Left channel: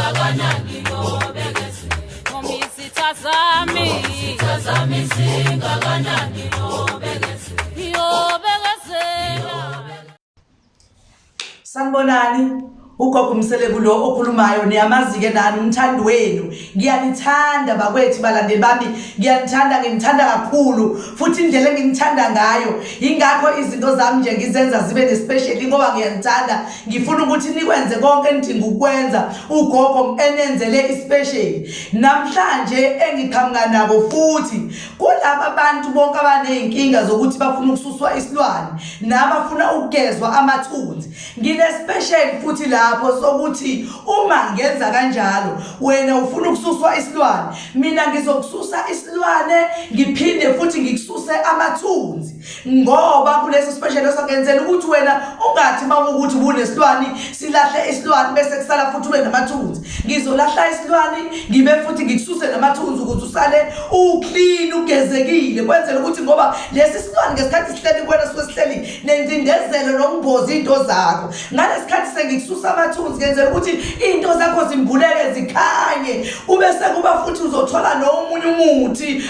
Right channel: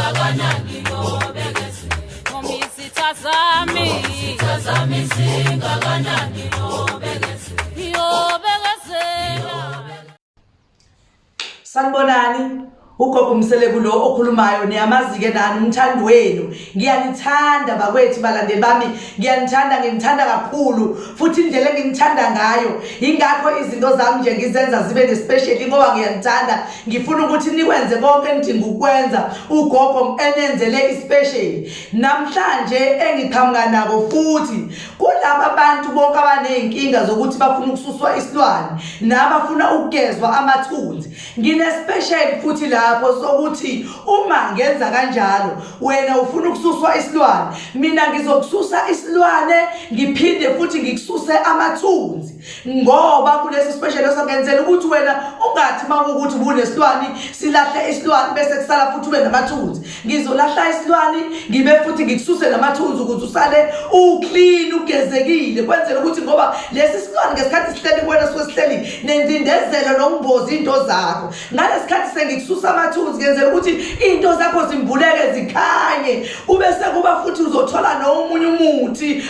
singakanani ngobekeze Sitazami singakanani ngobekeze Sanibonani ugogo Mseleku lo okhulumayo niyamazi ke nani umthandi wenu ngiyanithanda bakwethu balandeli bami ngiyanithanda kakhulu futhi indlela enginithanda ngayo ingakho izinto zami nje ngizenza zibe nespecial ngoba ngiyanithanda ngifuna ukuthi nikwenze konke enidinga ukwenza ugogo enenzele ispecial namhlanje engiqhamuka nako futhi kulabo abantu bonke abanezinkinga zokuthi bafuna ukususwa isilwane nabafuna ukugezwa amathunzi ngine special futhi lapho sokuthi uma ngenza kanjalo wena ufuna ukususwa isilwane mina ngizokususa isilwane ngiphinde futhi ngikususe amathunzi ngoba kulesi special osangenzela ukuthi wena ungathi mawukuthi ubunesilwane silahle isilwane bese kusala futhi ube namathunzi ngizolahla isilwane ngibe futhi ngikususe namathunzi ukuze usale uclean ugezekile kwenzela ukuthi ngoba lesi silwane ngesikhathi sihleli kwena sihleli nendindezelo nombozi into zakho ngalesikhathi sengikususa amathunzi ngenzela ukuthi into zakho zimbuleke zikhanye ubese kuba futhi uzothola nomunye umuthi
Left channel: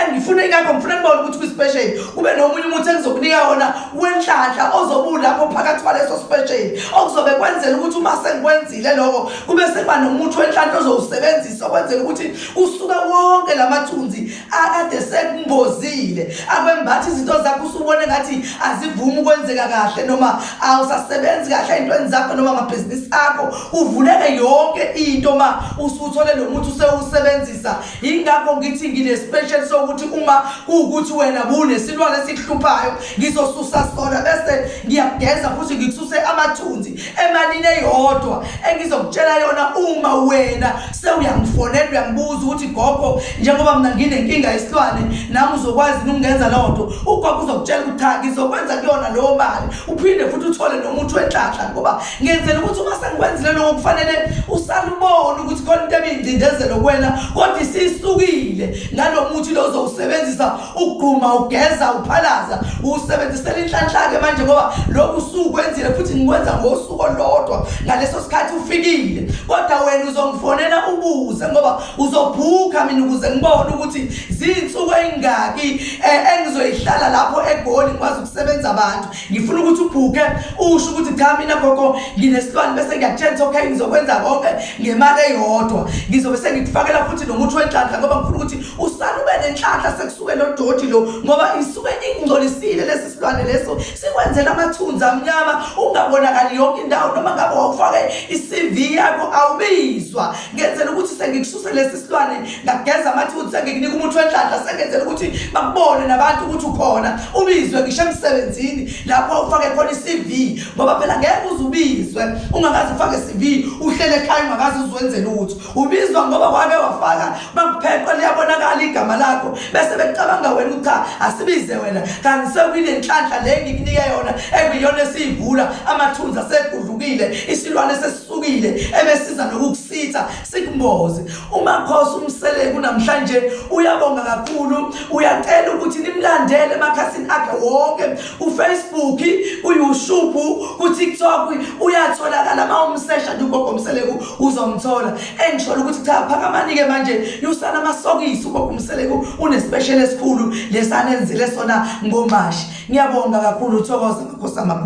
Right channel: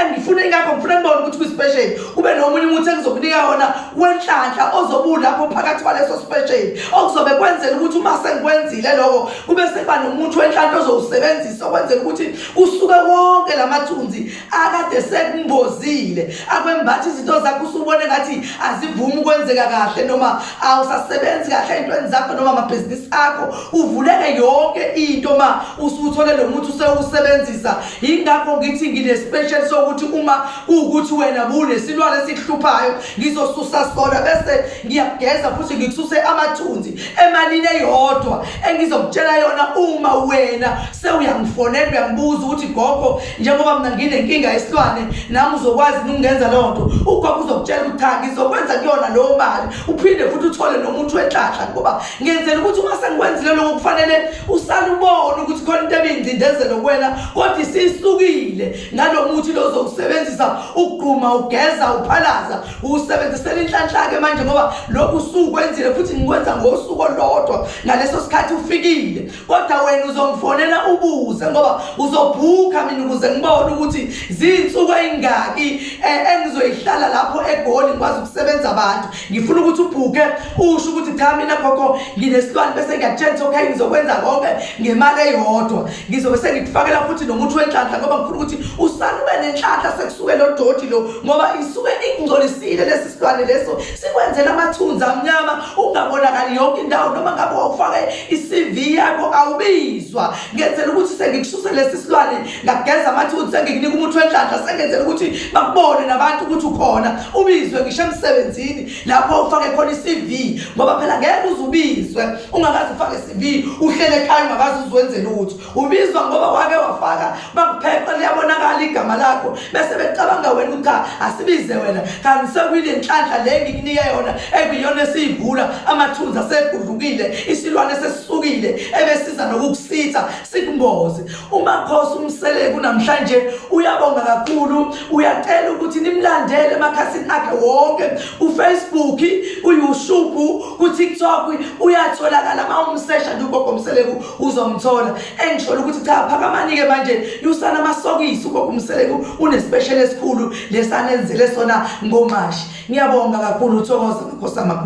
engifuna ingakho ngifuna ngibone ukuthi kuspecial kube nomunye umuthi engizokunika wona wenhlanhla ozobuya lapho phakathi kwaleso special okuzobe kwenzela ukuthi uma sengikwenzile lokho kube sekuba nomuthi wenhlanhla ozowusebenzisa kwenzela ukuthi usuke wonke lamathunzi akade sekumbozile akwembathi izinto zakho usubone ngathi azivumi ukwenzeka kahle noma awusasebenzi kahle intweni zakho noma amabhizinisi akho uvuleke yonke into ma usuthole lo muthi usewusebenzisa ingakho ngithi ngine special sokuthi uma ukuthi wena bunesilwane esihluphayo ngizosusa sona bese ngiyageza futhi ngikususe amathunzi emalini eyodwa engizokutshela yona uma wena sewuyangifonela uyangibuza ukuthi gogo njengoba mina nginenkinga yesilwane nami uzokwazi ukungenza lonto ugogo uzokutshela ukuthi cha ngizokwenza kuyona lo mali uphinde futhi uthole nomuthi wenhlanhla ngoba ngenzela ukuthi uma sengikwenzile lokho kufanele usale ubone ukuthi khona into ebindindezelo kuwena kodwa isisukile ngalomuthi lo uzowusebenzisa ukugquma ugeza uphalaza usebenzisela inhlanhla ke manje ngoba lokhu usukwenzile futhi ngikwenza ngosuku olodwa ngaleso sikhathi ufikile kodwa wena uzongifonela ubuze ngoba uzobhuka mina ukuze ngibone ukuthi zinsuku engaki engizoyihlala lapho eGoli ngikwazi ukusebenza abantu ngifuna ukuthi ubhuke usho ukuthi cha mina gogo nginesilwane bese ngiyakutshela okay ngizokwenza konke ngemali eyodwa ngizobe sengikufakela futhi nomuthi wenhlanhla ngoba ngifuna ukuthi usale ube nenhlanhla sekusuke lo doti lo ngoba isuke ingcolisile lesi silwane leso sikwenzela amathunzi amnyama ungabonakali yonke indawo noma ngabe wawufake iCV yakho awubizwa ngenzela ukuthi sengikususa lesi silwane ngageza amathunzi sengikunika umuthi wenhlanhla sengenzela ukuthi bakubone nabantu ukuthi ukhona ubizwe ngisho emsebenzini lapho ufake khona iCV ngoba phela ngeke uzubizwe ungakazi ufake iCV uhlele ekhaya ungakazi uzwenzela ukuthi ubizwa ngoba wake wafaka bakupheqa liyabonakala igama lakho bese becabanga wena ukuthi cha asibize wena kanti sekuyile inhlanhla le ngikunika yona ekuyona esivula amathunzi asegudlukile isilwane sesisukile ebesiza nokukusitha sikumboze umakhosi uMseleku namhlanje uyabonga kakhulu uyacela ukuthi nimlandele emakhasini akhe wonke uFacebook uYouTube kuTikTok uyatholakala mawumsesha uGogo Mseleku uzomthola engisholo ukuthi cha phakamani ke manje yusana amasokisi uGogo Mseleku unespecial esikhulu lesanenzile sona ngomashi ngiyabonga kakhulu uthokoza Nkosi amakhulu.